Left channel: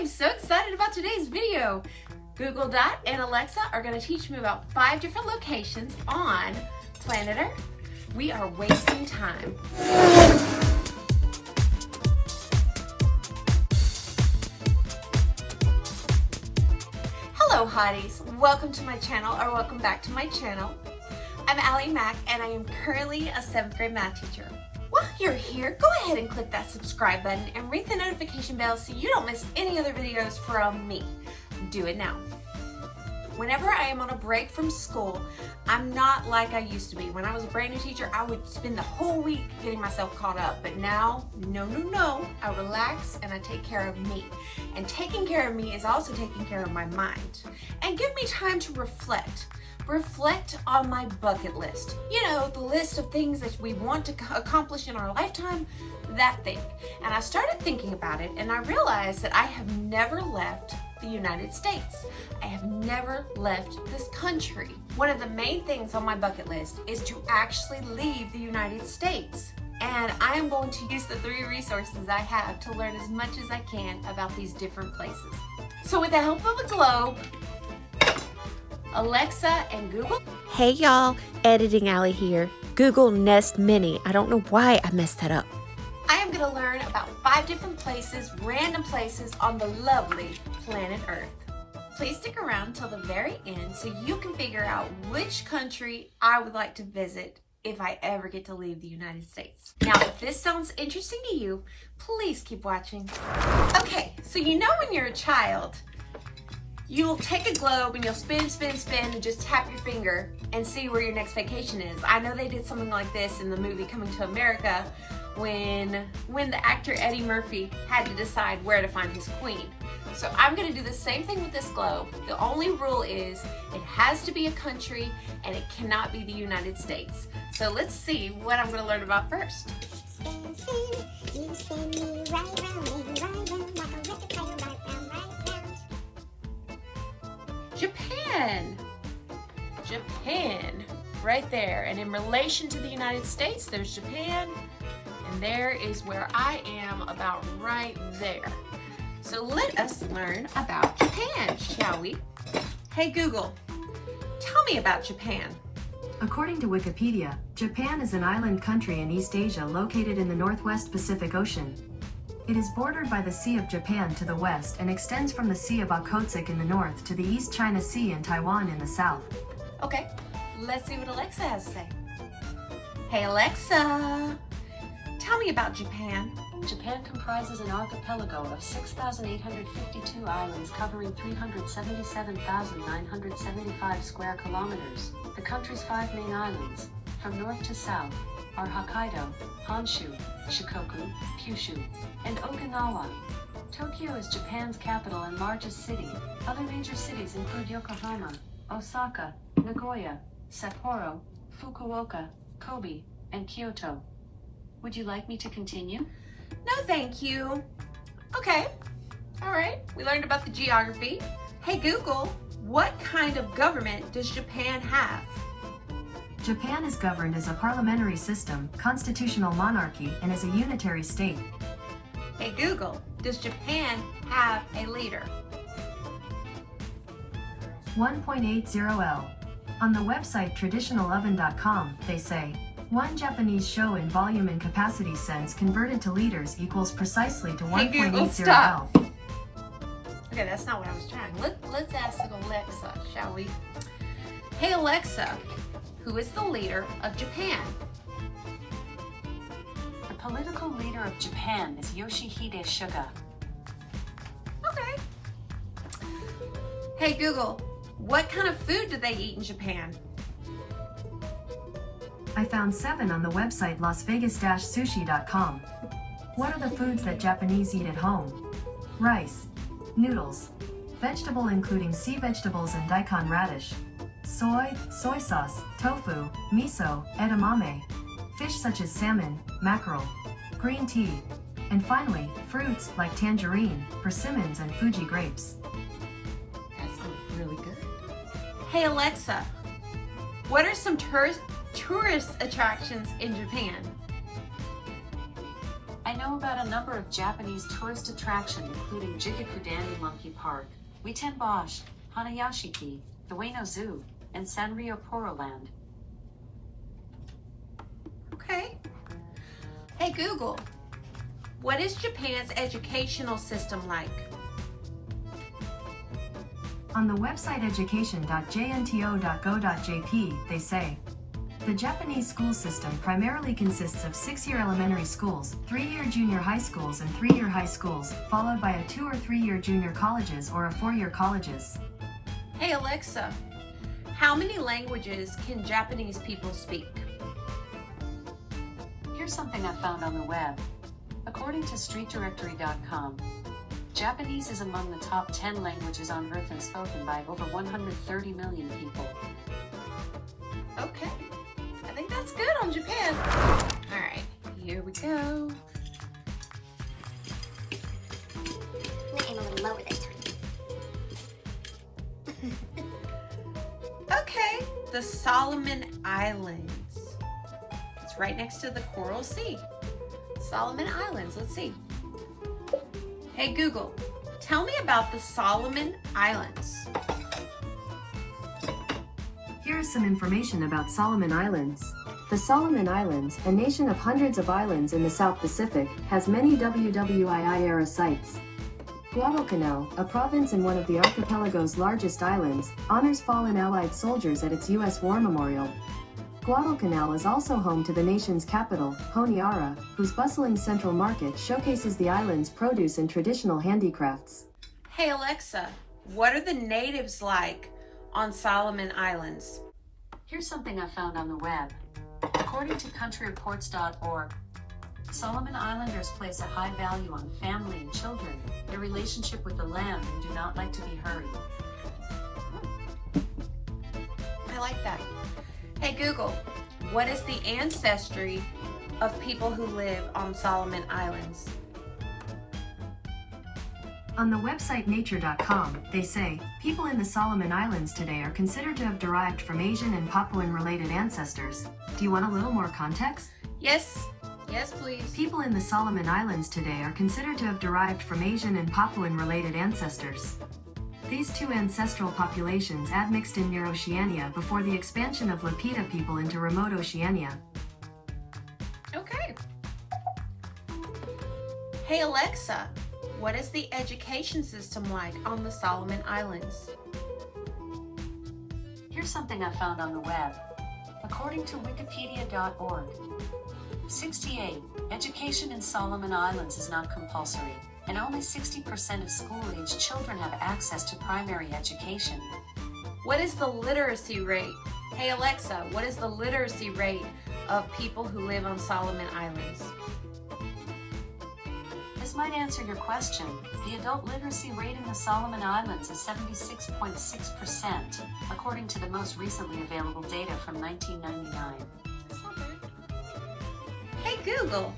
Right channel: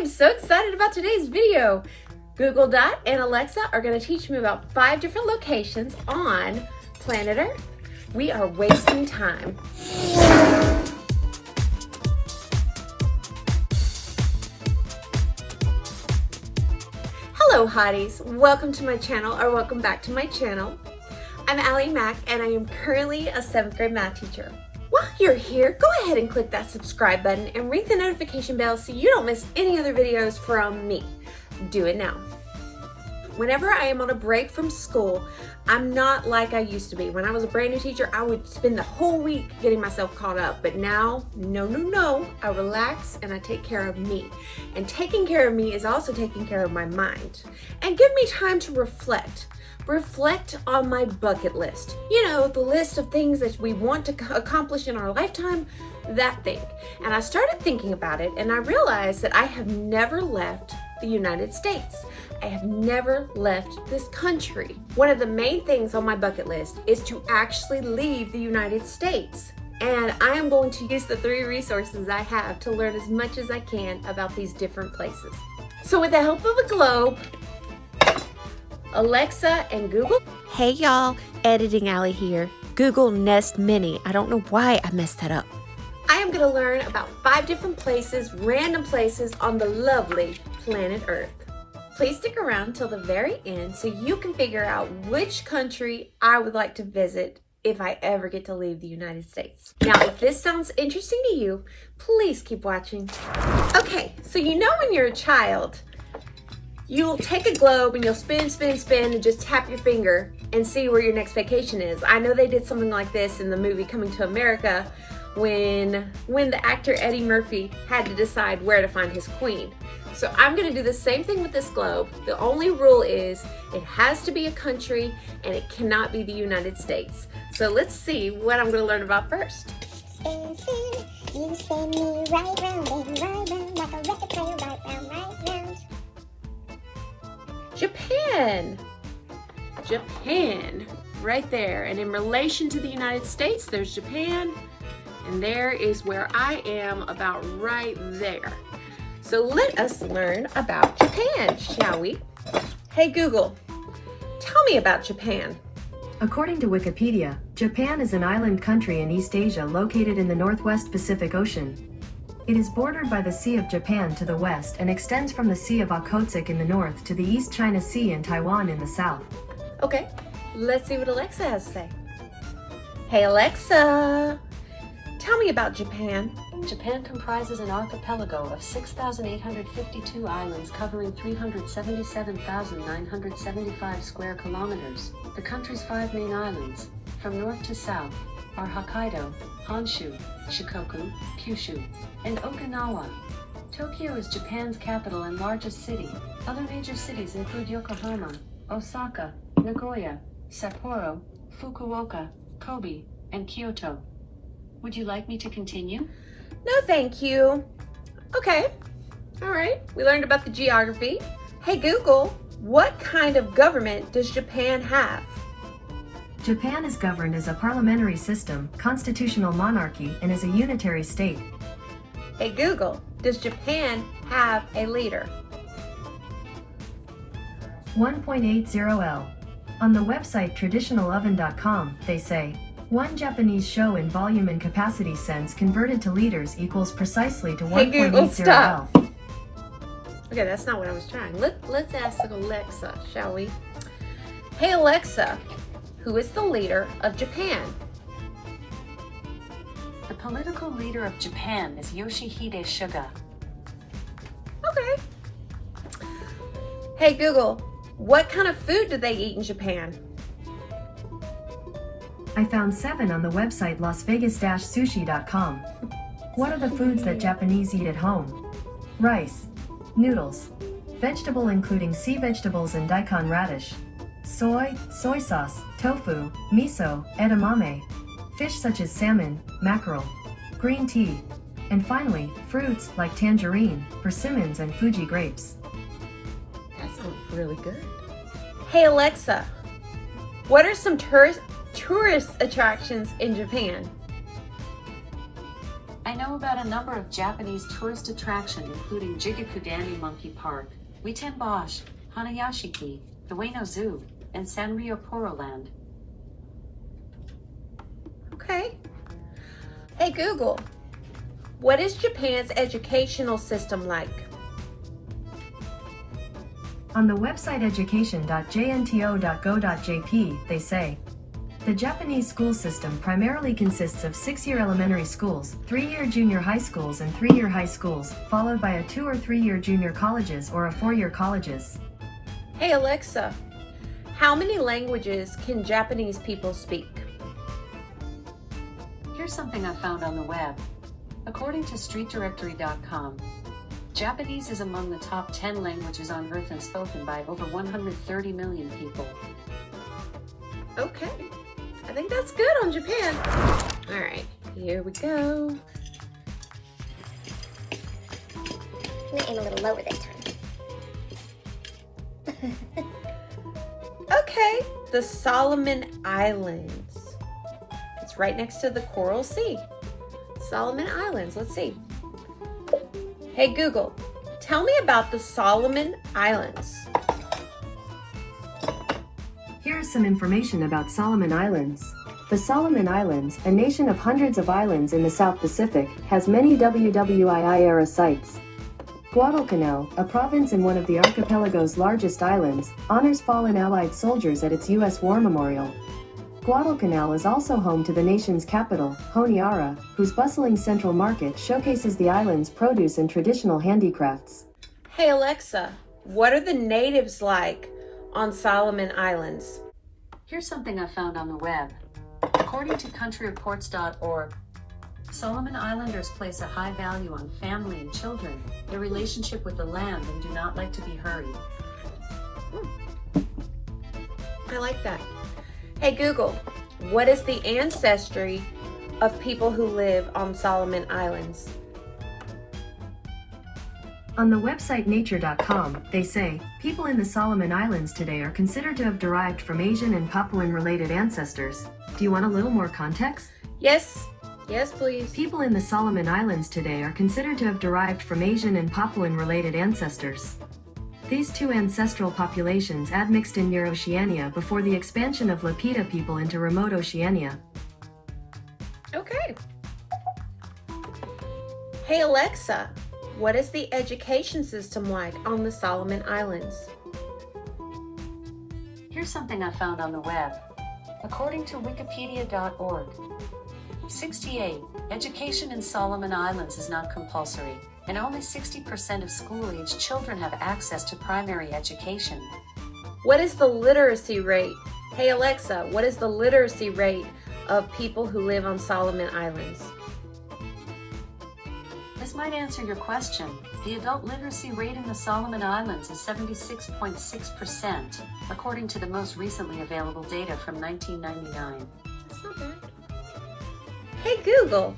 am so excited about today's video. Google Dot and Alexa are going to teach me about 5 different locations on planet Earth. We are wasting time. Hello hotties, welcome to my channel, or welcome back to my channel. I'm Mack and I am currently a 7th grade math teacher. While you're here, go ahead and click that subscribe button and ring the notification bell so you don't miss any other videos from me. Do it now. Whenever I am on a break from school, I'm not like I used to be. When I was a brand new teacher, I would spend the whole week getting myself caught up. But now, no. I relax and I take care of me. And taking care of me is also taking care of my mind. And give me time to reflect. Reflect on my bucket list. You know, the list of things that we want to accomplish in our lifetime, that thing. And I started thinking about it and I realized that I have never left the United States. I have never left this country. One of the main things on my bucket list is to actually leave the United States. And I am going to use the 3 resources I have to learn as much as I can about these different places. So with the help of a globe, Alexa and Google. Hey y'all, Editing Alley here. Google Nest Mini. I don't know why I messed that up. I am going to learn about 5 different places, random places on the lovely planet Earth. Please stick around till the very end so you can figure out which country I would like to visit if I ever get to leave the United States. Now, if this sounds interesting to you, please keep watching. Okay, so you know when you're a child, you'll take a globe and you'll spin and just tap your finger and see where your next vacation is. I know they did something like this in the movie Coming to America when the actor Eddie Murphy had to decide where to find his queen. So I'm gonna do the same thing with this globe. The only rule is it has to be a country and it cannot be the United States. So let's see what I'm gonna learn about first. Spin, spin, you spin me right round, baby, right round, like a record player, right round, right round. Japan, right there. And in relation to the United States, there's Japan, and there is where I am, about right there. So let us learn about Japan, shall we? Hey Google, tell me about Japan. According to Wikipedia, Japan is an island country in East Asia located in the Northwest Pacific Ocean. It is bordered by the Sea of Japan to the west and extends from the Sea of Okhotsk in the north to the East China Sea and Taiwan in the south. Okay, let's see what Alexa has to say. Hey Alexa, tell me about Japan. Japan comprises an archipelago of 6,852 islands covering 377,975 square kilometers. The country's 5 main islands, from north to south, are Hokkaido, Honshu, Shikoku, Kyushu, and Okinawa. Tokyo is Japan's capital and largest city. Other major cities include Yokohama, Osaka, Nagoya, Sapporo, Fukuoka, Kobe, and Kyoto. Would you like me to continue? No, thank you. Okay, all right, we learned about the geography. Hey Google, what kind of government does Japan have? Japan is governed as a parliamentary system, constitutional monarchy, and is a unitary state. Hey Google, does Japan have a leader? 1.80L. On the website traditionaloven.com, they say, one Japanese show in volume and capacity sense converted to liters equals precisely to 1.80L. Hey Google, stop. Okay, that's not what I was trying. Let's ask Alexa, shall we? Hey Alexa, who is the leader of Japan? The political leader of Japan is Yoshihide Suga. Okay. Hey Google, what kind of food do they eat in Japan? I found 7 on the website lasvegas-sushi.com. What are the foods that Japanese eat at home? Rice, noodles, vegetable including sea vegetables and daikon radish, soy sauce, tofu, miso, edamame, fish such as salmon, mackerel, green tea, and finally, fruits like tangerine, persimmons, and Fuji grapes. That sounds really good. Hey Alexa, what are some tourist attractions in Japan? I know know about a number of Japanese tourist attractions including Jigakudani Monkey Park, Witenbosch, Hanayashiki, the Ueno Zoo, and Sanrio Poroland. Okay. Hey Google, what is Japan's educational system like? On the website education.jnto.go.jp, they say, the Japanese school system primarily consists of 6-year elementary schools, 3-year junior high schools and 3-year high schools, followed by a 2- or 3-year junior colleges or a 4-year colleges. Hey Alexa, how many languages can Japanese people speak? Here's something I found on the web. According to streetdirectory.com, Japanese is among the top 10 languages on Earth and spoken by over 130 million people. Okay, I think that's good on Japan. All right, here we go. I'm gonna aim a little lower this time. Okay, the Solomon Islands. It's right next to the Coral Sea. Solomon Islands, let's see. Hey Google, tell me about the Solomon Islands. Here is some information about Solomon Islands. The Solomon Islands, a nation of hundreds of islands in the South Pacific, has many WWII-era sites. Guadalcanal, a province in one of the archipelago's largest islands, honors fallen Allied soldiers at its U.S. War Memorial. Guadalcanal is also home to the nation's capital, Honiara, whose bustling central market showcases the island's produce and traditional handicrafts. Hey Alexa, what are the natives like on Solomon Islands? Here's something I found on the web. According to countryreports.org, Solomon Islanders place a high value on family and children, their relationship with the land, and do not like to be hurried. I like that. Hey Google, what is the ancestry of people who live on Solomon Islands? On the website nature.com, they say, people in the Solomon Islands today are considered to have derived from Asian and Papuan-related ancestors. Do you want a little more context? Yes, yes please. People in the Solomon Islands today are considered to have derived from Asian and Papuan-related ancestors. These two ancestral populations admixed in near Oceania before the expansion of Lapita people into remote Oceania. Okay. Hey Alexa, what is the education system like on the Solomon Islands? Here's something I found on the web. According to wikipedia.org, 68. Education in Solomon Islands is not compulsory, and only 60% of school-age children have access to primary education. What is the literacy rate? Hey Alexa, what is the literacy rate of people who live on Solomon Islands? This might answer your question. The adult literacy rate in the Solomon Islands is 76.6%, according to the most recently available data from 1999. That's not bad. Hey Google,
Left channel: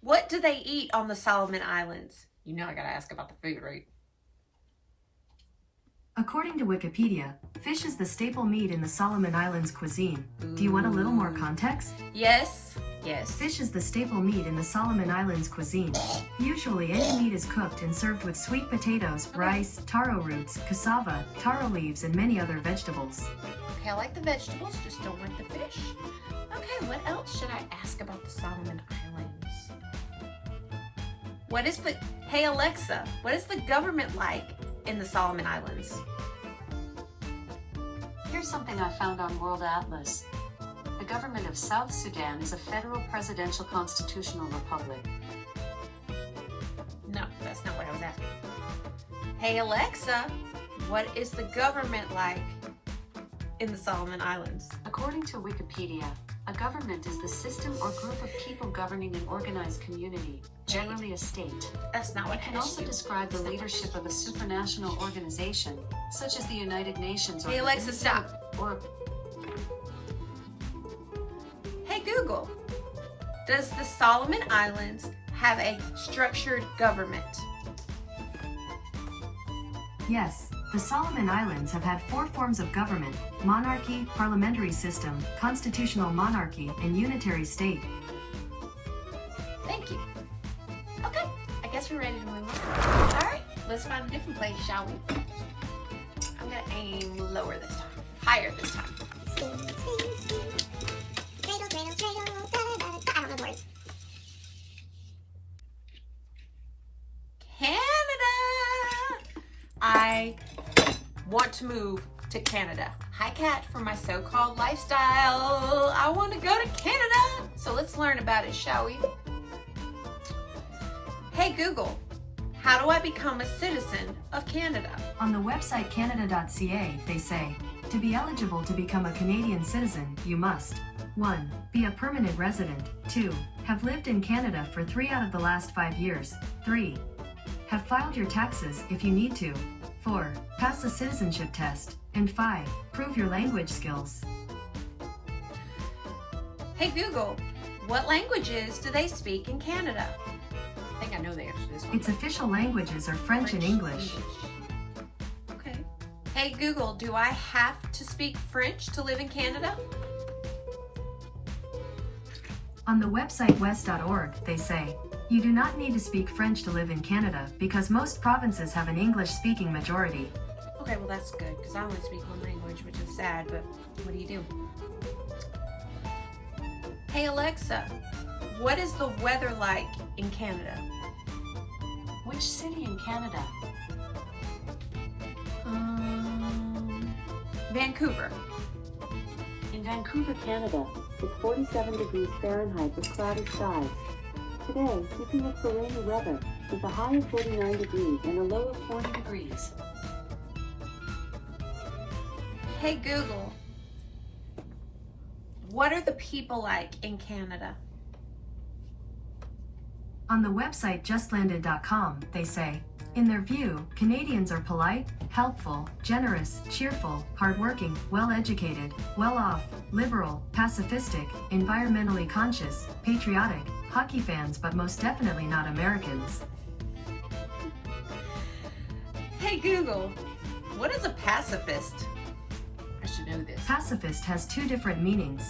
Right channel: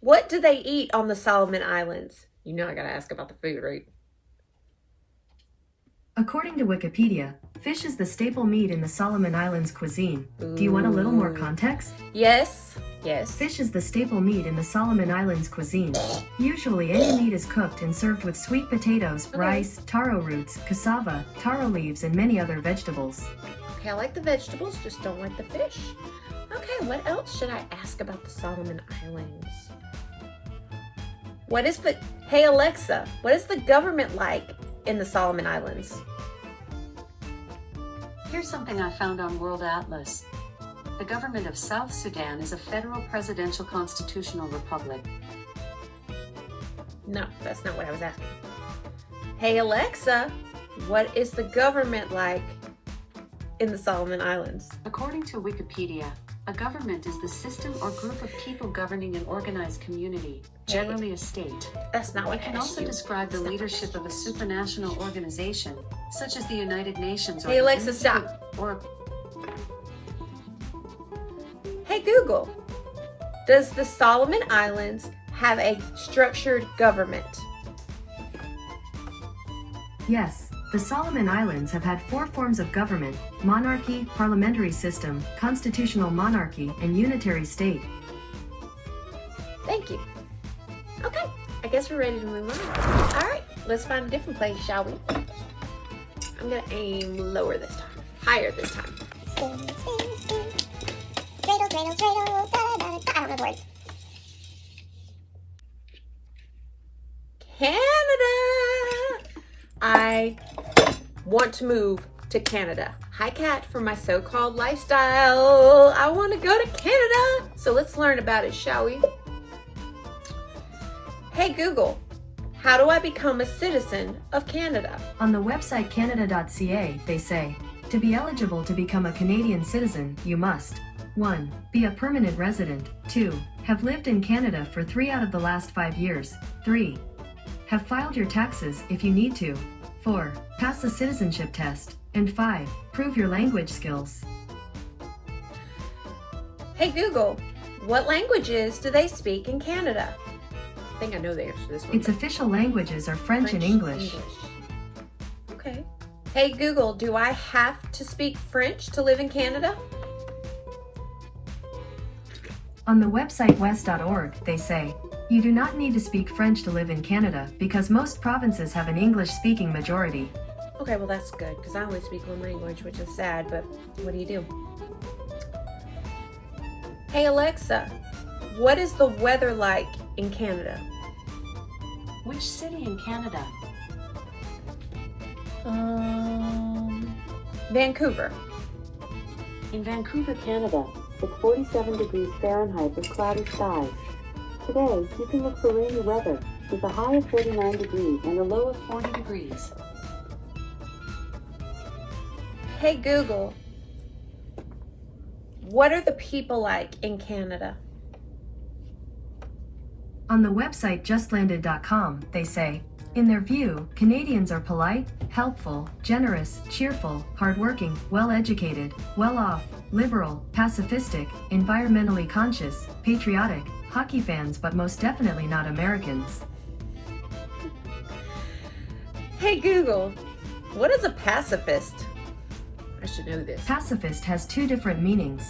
what do they eat on the Solomon Islands? You know I gotta ask about the food, right? According to Wikipedia, fish is the staple meat in the Solomon Islands cuisine. Do you want a little more context? Yes, yes. Fish is the staple meat in the Solomon Islands cuisine. Usually any meat is cooked and served with sweet potatoes, rice, taro roots, cassava, taro leaves, and many other vegetables. Okay, I like the vegetables, just don't like the fish. Okay, what else should I ask about the Solomon Islands? Hey Alexa, what is the government like in the Solomon Islands? Here's something I found on World Atlas. The government of South Sudan is a federal presidential constitutional republic. No, that's not what I was asking. Hey Alexa, what is the government like in the Solomon Islands? According to Wikipedia, a government is the system or group of people governing an organized community, generally a state. That's not what It I can asked also you. describe the leadership of a supranational organization, such as the United Nations or Hey the Alexa, Institute- stop. Or Hey Google, does the Solomon Islands have a structured government? Yes, the Solomon Islands have had 4 forms of government: monarchy, parliamentary system, constitutional monarchy, and unitary state. Thank you. guess we're ready to move on. All right, let's find a different place, shall we? I'm gonna aim lower this time, higher this time. Spin, spin, spin. Dreidel, dreidel, dreidel. Da, da, da. I don't know the words. Canada! I want to move to Canada. Hi, Kat, for my so-called lifestyle. I want to go to Canada. So let's learn about it, shall we? Hey, Google, how do I become a citizen of Canada? On the website canada.ca, they say, to be eligible to become a Canadian citizen, you must 1. Be a permanent resident. 2. Have lived in Canada for 3 out of the last 5 years. 3. Have filed your taxes if you need to. 4. Pass a citizenship test. And 5. Prove your language skills. Hey, Google, what languages do they speak in Canada? I think I know the answer to this one. Its official languages are French and English. Okay. Hey, Google, do I have to speak French to live in Canada? On the website west.org, they say, you do not need to speak French to live in Canada because most provinces have an English-speaking majority. Okay, well that's good, because I only speak one language, which is sad, but what do you do? Hey Alexa, what is the weather like in Canada? Which city in Canada? Vancouver. In Vancouver, Canada, it's 47 degrees Fahrenheit with cloudy skies. Today, you can look for rainy weather with a high of 49 degrees and a low of 40 degrees. Hey Google, what are the people like in Canada? On the website justlanded.com, they say, in their view, Canadians are polite, helpful, generous, cheerful, hardworking, well-educated, well-off, liberal, pacifistic, environmentally conscious, patriotic, hockey fans, but most definitely not Americans. Hey Google, what is a pacifist? I should know this. Pacifist has 2 different meanings.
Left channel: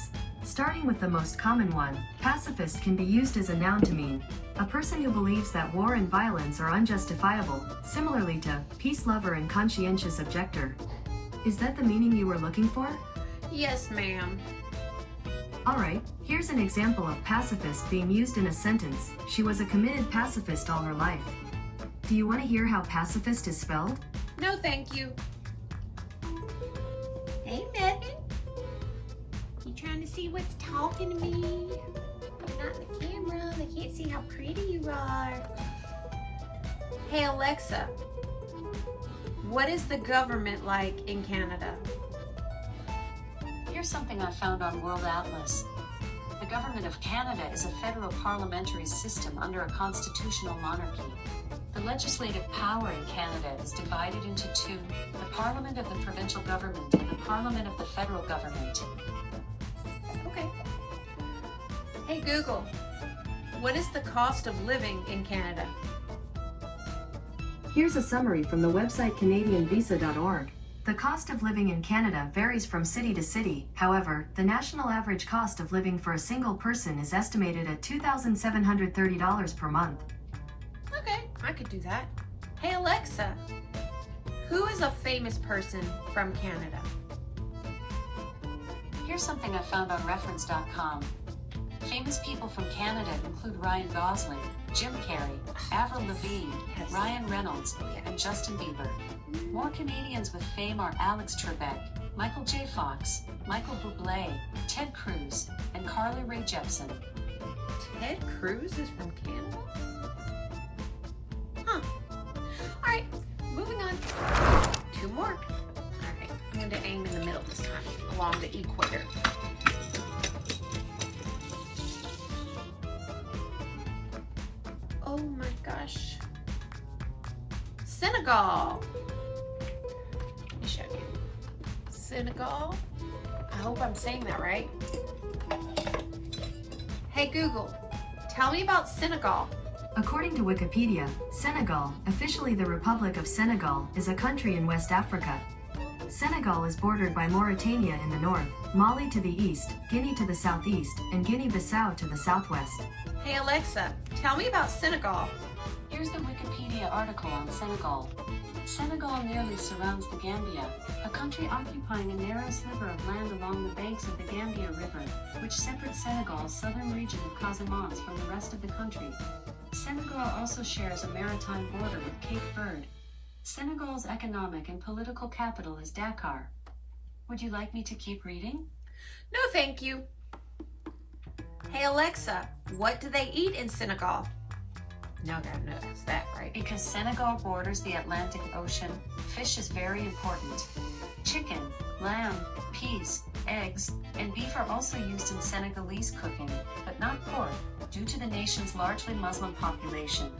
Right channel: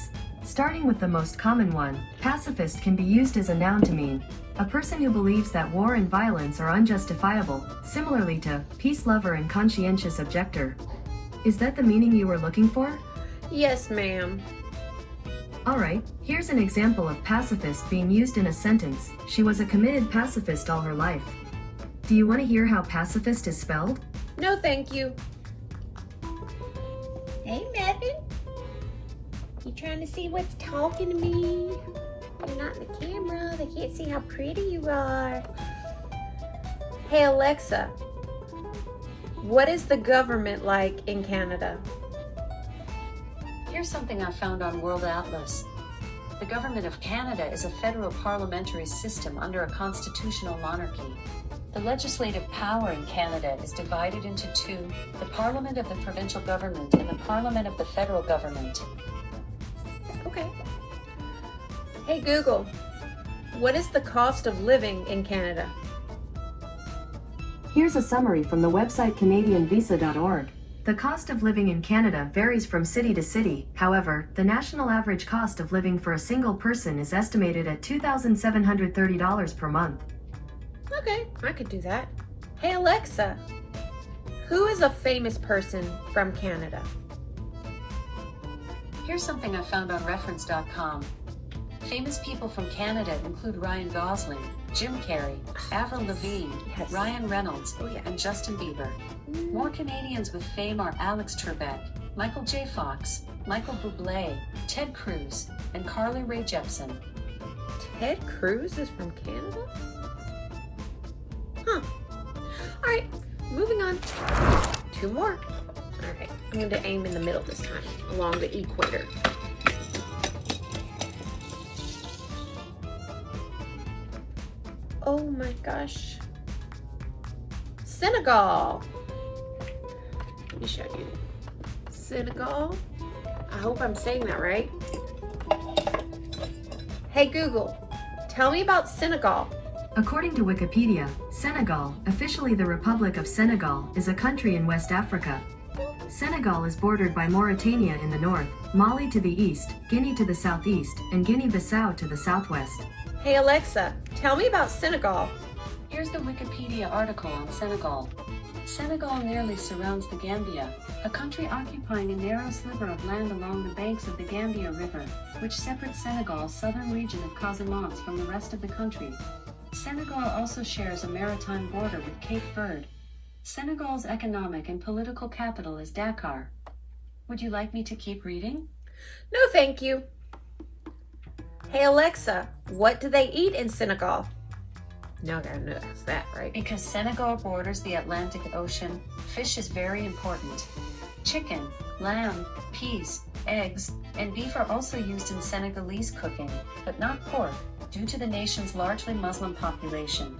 Starting with the most common one, pacifist can be used as a noun to mean a person who believes that war and violence are unjustifiable, similarly to peace lover and conscientious objector. Is that the meaning you were looking for? Yes, ma'am. Alright, here's an example of pacifist being used in a sentence. She was a committed pacifist all her life. Do you want to hear how pacifist is spelled? No, thank you. Hey, Mevin. You trying to see what's talking to me? You're not in the camera. They can't see how pretty you are. Hey, Alexa. What is the government like in Canada? Here's something I found on World Atlas. The government of Canada is a federal parliamentary system under a constitutional monarchy. The legislative power in Canada is divided into 2, the Parliament of the provincial government and the Parliament of the federal government. Okay. Hey Google, what is the cost of living in Canada? Here's a summary from the website canadianvisa.org. The cost of living in Canada varies from city to city. However, the national average cost of living for a single person is estimated at $2,730 per month. Okay, I could do that. Hey Alexa, who is a famous person from Canada? Here's something I found on reference.com. Famous people from Canada include Ryan Gosling, Jim Carrey, Avril Lavigne, Yes. Ryan Reynolds, Oh, yeah. and Justin Bieber. More Canadians with fame are Alex Trebek, Michael J. Fox, Michael Bublé, Ted Cruz, and Carly Rae Jepsen. Ted Cruz is from Canada? Huh. Alright, moving on. 2 more. Alright, I'm going to aim in the middle this time, along the equator. Oh my gosh. Senegal. Let me show you. Senegal. I hope I'm saying that right. Hey Google, tell me about Senegal. According to Wikipedia, Senegal, officially the Republic of Senegal, is a country in West Africa. Senegal is bordered by Mauritania in the north, Mali to the east, Guinea to the southeast, and Guinea-Bissau to the southwest. Hey Alexa, tell me about Senegal. Here's Here's the Wikipedia article on Senegal. Senegal nearly surrounds the Gambia, a country occupying a narrow sliver of land along the banks of the Gambia River, which separates Senegal's southern region of Casamance from the rest of the country. Senegal also shares a maritime border with Cape Verde. Senegal's economic and political capital is Dakar. Would you like me to keep reading? No, thank you. Hey Alexa, what do they eat in Senegal? No, I know that's that, right? Because Senegal borders the Atlantic Ocean, fish is very important. Chicken, lamb, peas, eggs, and beef are also used in Senegalese cooking, but not pork, due to the nation's largely Muslim population.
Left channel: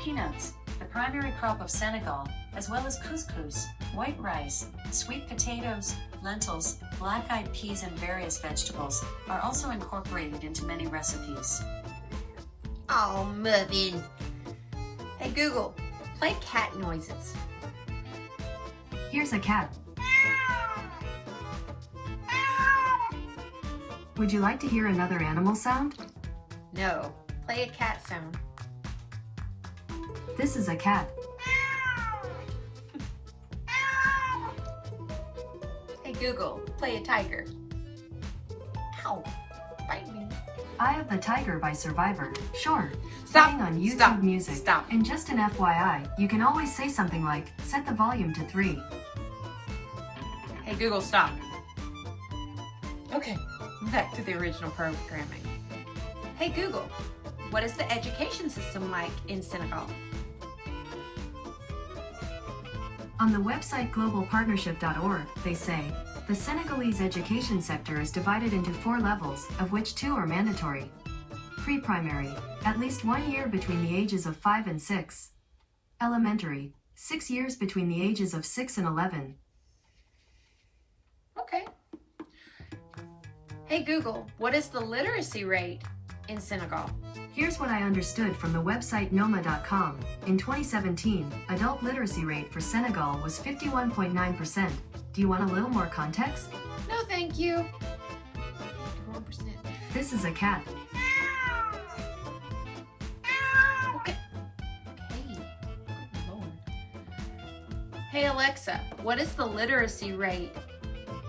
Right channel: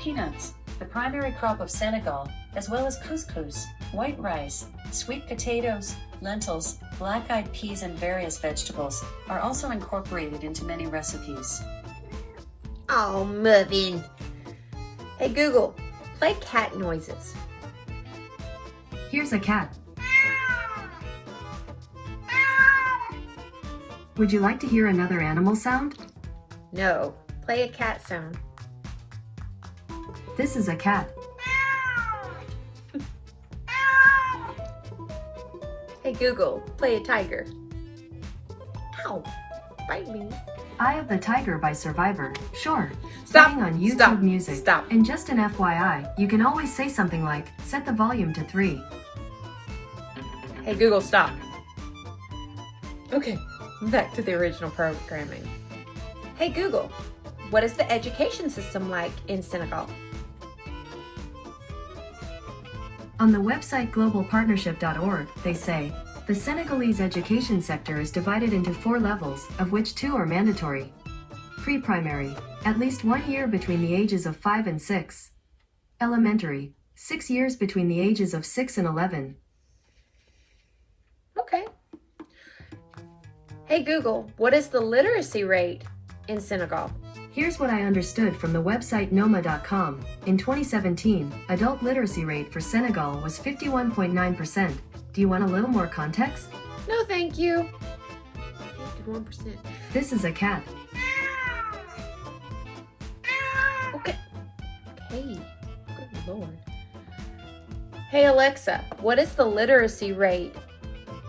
Peanuts, the primary crop of Senegal, as well as couscous, white rice, sweet potatoes, lentils, black-eyed peas, and various vegetables, are also incorporated into many recipes. Oh, Muffin. Hey Google, play cat noises. Here's a cat. Would you like to hear another animal sound? No, play a cat sound. This is a cat. Hey Google, play a tiger. Ow, bite me. Eye of the Tiger by Survivor. Sure. Stop, Playing on YouTube stop, Music. stop. And just an FYI, you can always say something like, set the volume to 3. Hey Google, stop. Okay, back to the original programming. Hey Google, what is the education system like in Senegal? On the website globalpartnership.org, they say, the Senegalese education sector is divided into 4 levels, of which 2 are mandatory. Pre-primary, at least 1 year between the ages of 5 and 6. Elementary, 6 years between the ages of 6 and 11. Okay. Hey Google, what is the literacy rate in Senegal? Here's what I understood from the website noma.com. In 2017, adult literacy rate for Senegal was 51.9%. Do you want a little more context? No, thank you. 51%. This is a cat. Okay. Hey, good Lord. Hey Alexa, what is the literacy rate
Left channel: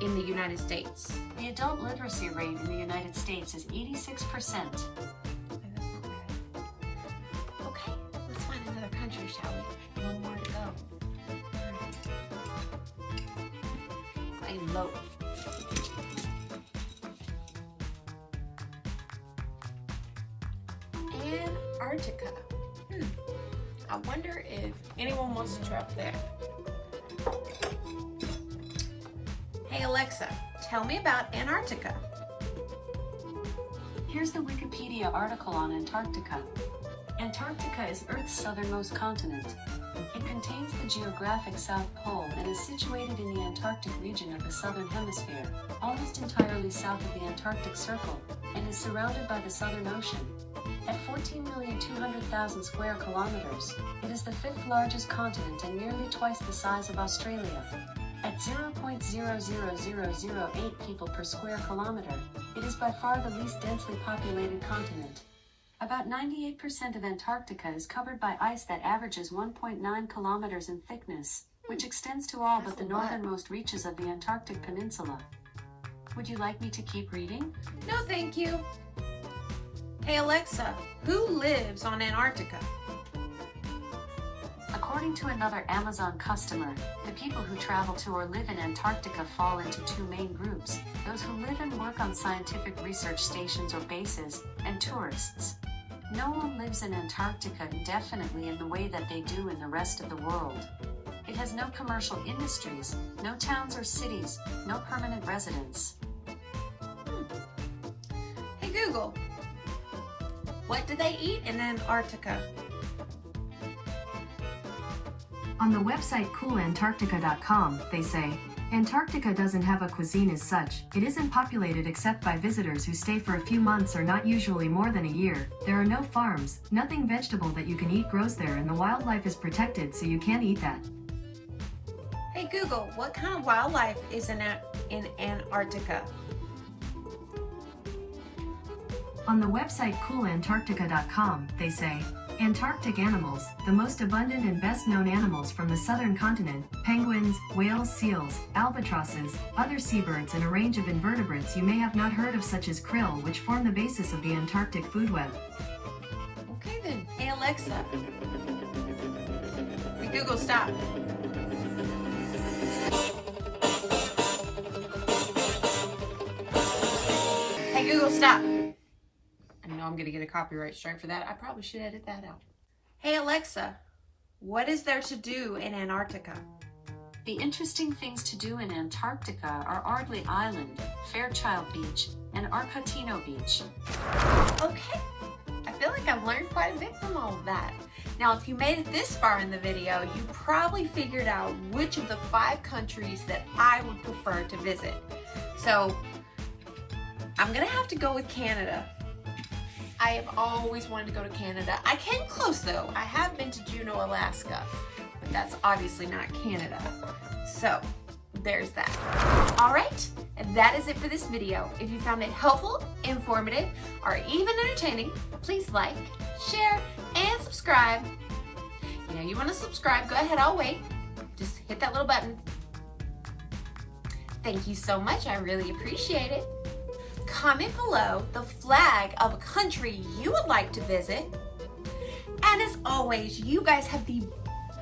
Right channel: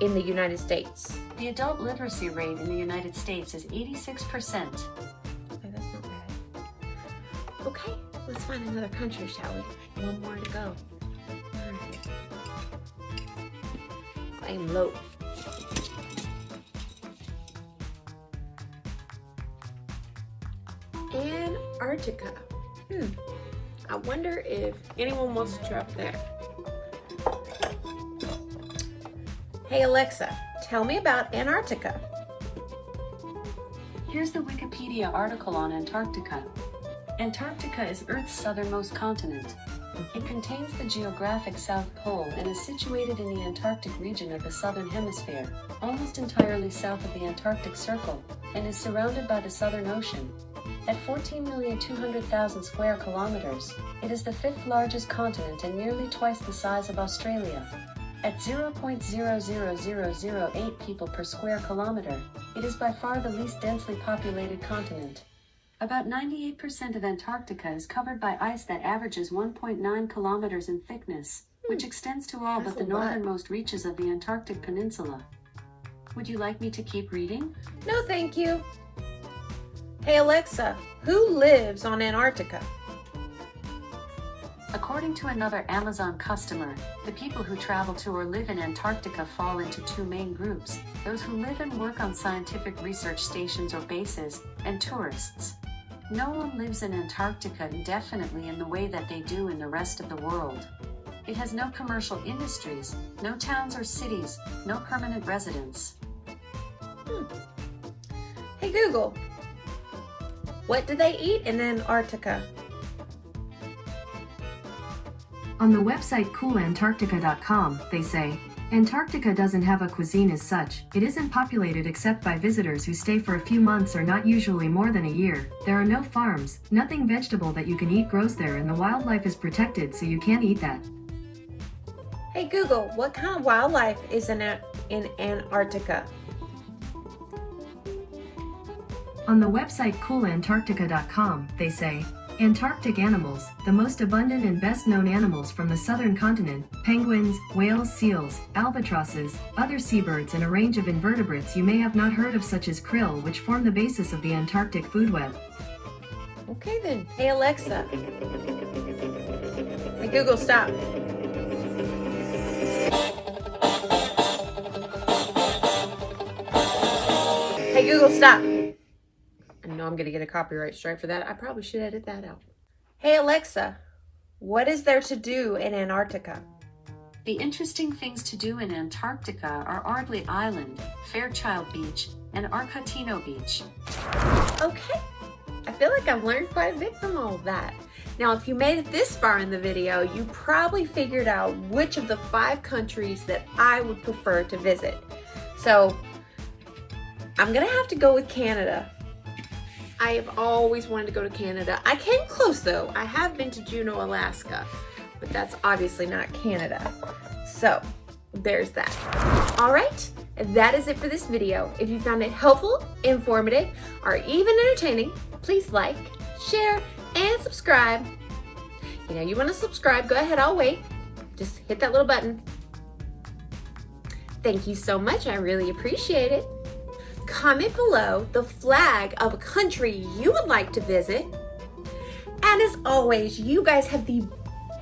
in the United States? The adult literacy rate in the United States is 86%. Okay, that's not bad. Okay, let's find another country, shall we? One more to go. I'm low. Antarctica. I wonder if anyone wants to travel there. Hey Alexa, tell me about Antarctica. Here's the Wikipedia article on Antarctica. Antarctica is Earth's southernmost continent. It contains the geographic South Pole and is situated in the Antarctic region of the Southern Hemisphere, almost entirely south of the Antarctic Circle, and is surrounded by the Southern Ocean. At 14,200,000 square kilometers, it is the 5th largest continent and nearly twice the size of Australia. At 0.000008 people per square kilometer, it is by far the least densely populated continent. About 98% of Antarctica is covered by ice that averages 1.9 kilometers in thickness, which extends to all but the northernmost reaches of the Antarctic Peninsula. Would you like me to keep reading? No, thank you. Hey Alexa, who lives on Antarctica? According to another Amazon customer, the people who travel to or live in Antarctica fall into 2 main groups: those who live and work on scientific research stations or bases, and tourists. No one lives in Antarctica indefinitely in the way that they do in the rest of the world. It has no commercial industries, no towns or cities, no permanent residents. Hey Google, what do they eat in Antarctica? On the website coolantarctica.com, they say, Antarctica doesn't have a cuisine as such. It isn't populated except by visitors who stay for a few months or not usually more than a year. There are no farms, nothing vegetable that you can eat grows there, and the wildlife is protected, so you can't eat that. Hey Google, what kind of wildlife is in Antarctica? On the website coolantarctica.com, they say, Antarctic animals, the most abundant and best known animals from the southern continent: penguins, whales, seals, albatrosses, other seabirds, and a range of invertebrates you may have not heard of, such as krill, which form the basis of the Antarctic food web. Okay then. Hey Alexa. Hey Google, stop. Hey Google, stop. I know I'm gonna get a copyright strike for that. I probably should edit that out. Hey Alexa, what is there to do in Antarctica? The interesting things to do in Antarctica are Ardley Island, Fairchild Beach, and Arcatino Beach. Okay, I feel like I've learned quite a bit from all of that. Now, if you made it this far in the video, you probably figured out which of the 5 countries that I would prefer to visit. So, I'm gonna have to go with Canada. I have always wanted to go to Canada. I came close though. I have been to Juneau, Alaska, but that's obviously not Canada. So there's that. All right, that is it for this video. If you found it helpful, informative, or even entertaining, please like, share, and subscribe. You know, you want to subscribe, go ahead, I'll wait. Just hit that little button. Thank you so much, I really appreciate it. Comment below the flag of a country you would like to visit. And as always, you guys have the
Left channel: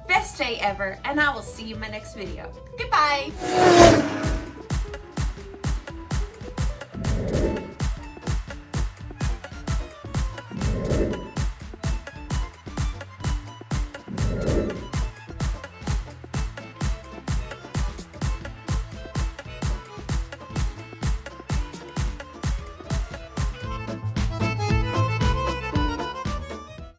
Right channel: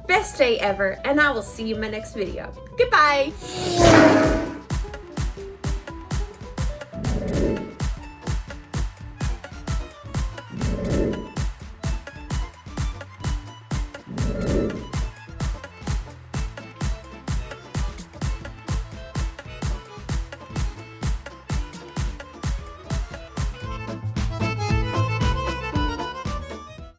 best day ever, and I will see you in my next video. Goodbye.